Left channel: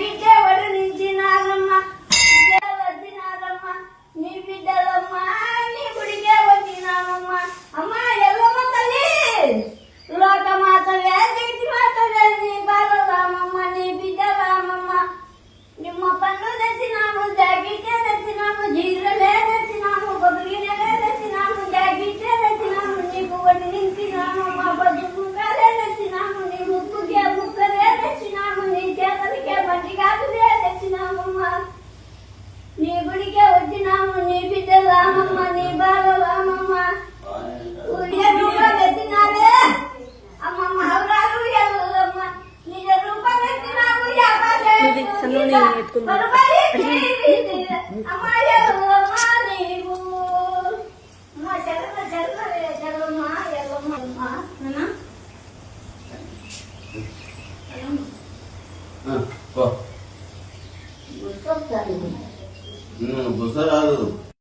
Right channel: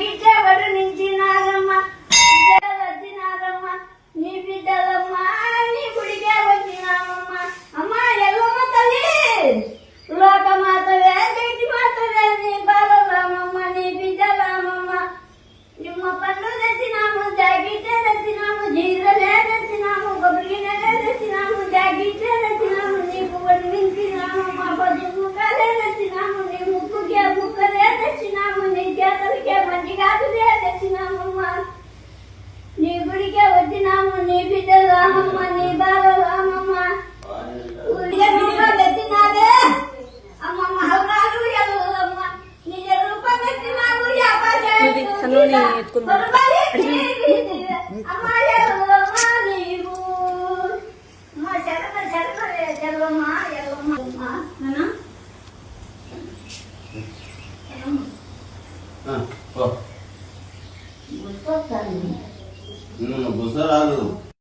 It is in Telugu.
గిడ్డెవడు నించినారమ్మ వచ్చినారమ్మ నీ బిడ్డలమ్మ నీ గుడికే వచ్చినామమ్మ అమ్మ ఎల్లమ్మ తల్లి లోకమాతవే దేటి మాతవే నీ బాలరామమ్మ నీ బిడ్డ రామమ్మ నిమ్మ పండ్లు తెచ్చినాము గిడ్డె తెచ్చినాము జీరలే తెచ్చినాము కొబ్బరినలే తెచ్చినాము గిడ్డె తెచ్చినాము నీకు వడి నింపినామమ్మ బతుకులే తెచ్చినాము నీ ముక్కుకే ముక్కలే తెచ్చినాము నీ చేతులకే మంటిగాకులే తెచ్చినామమ్మ నీ గుడికే వచ్చినాము నీ బిడ్డ రామమ్మ నీ బాల రామమ్మ తెచ్చినారే అమ్మ మహరాలు ఎవరమ్మ నిజ రూపం తెచ్చినాము అమ్మ ఎవరమ్మ నీవు అమ్మ శరణ శరణవే శర్వమ్మ ఎల్లమ్మ బుసరాదు